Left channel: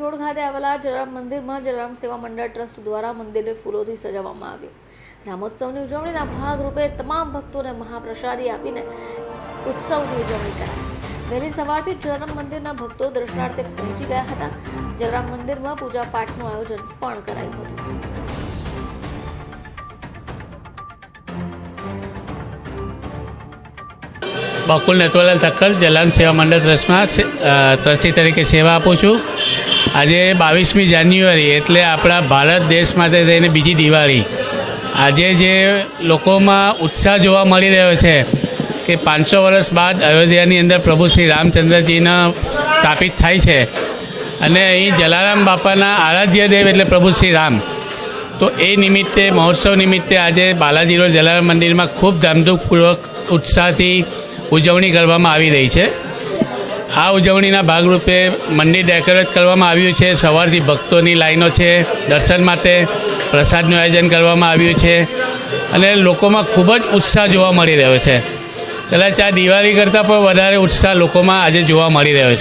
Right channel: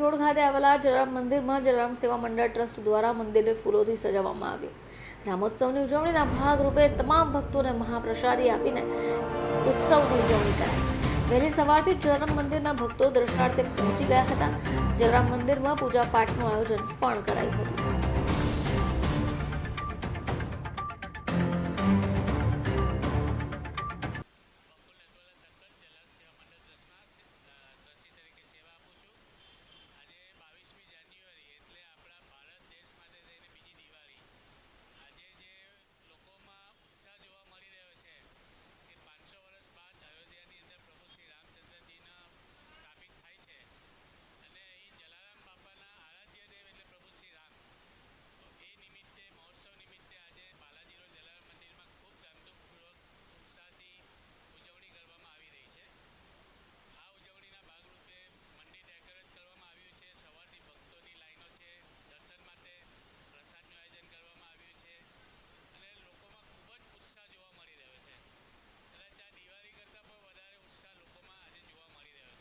Road ખાતે આવેલા જલારામ મંદિરમાં જલારામ સેવા મંડળ ટ્રસ્ટ દ્વારા મંદિરને ફૂલોથી સજાવવામાં આવ્યું રામોત્સવની ઉજવણીના ભાગરૂપે તમામ ભક્તોને મહાપ્રસાદી આપીને ઉત્સવની ઉજવણી કરાઈ. વહેલી સવારથી જલારામ મંદિરના ભક્તો દર્શનાર્થે પહોંચી ગયા હતા. જલારામ મંદિરમાં પૂજા પાઠનું આયોજન પણ કરાયું હતું. બકુલ નટવરલાલ ઠક્કર જલારામ સેવા મંડળ ટ્રસ્ટમાં ટ્રસ્ટી તરીકે સેવા આપું છું. આજે બાવીસમી જાન્યુઆરી એટલે આપણા ભારત દેશ માટે થઈને બીજી દિવાળી. આજે જે લોકોમાં ઉત્સાહ જોવા મળી રહ્યો છે કે પાંચસો વર્ષ બાદ અયોધ્યાની અંદર પ્રભુ શ્રી રામચંદ્રજીના સ્થાપિત થાય છે અને અહીં જલારામ બાપાના આરાધ્ય દેવ એટલે પ્રભુ શ્રી રામ. તો એ નિમિત્તે, મહોત્સવ નિમિત્તે આજે બાલાજી રોડ જલારામ મંદિરમાં ખૂબ ધામધૂમપૂર્વક ઉત્સાહથી ઉજવણી કરવામાં આવી રહી છે. આ ઉજવણીના ભાગરૂપે મંદિર ડેકોરેટ કરવામાં આવ્યું છે. સવારથી ભક્તોની લાઈનો છે દર્શન માટે. પ્રસાદનું આયોજન કરવામાં આવ્યું છે અને લોકોમાં ખૂબ જ ઉત્સાહ જોવા મળી રહ્યો છે. કદાચ આ દિવાળી કરતાં પણ વધારે ઉત્સાહ લોકોમાં આજે જોવા મળી રહ્યો છે.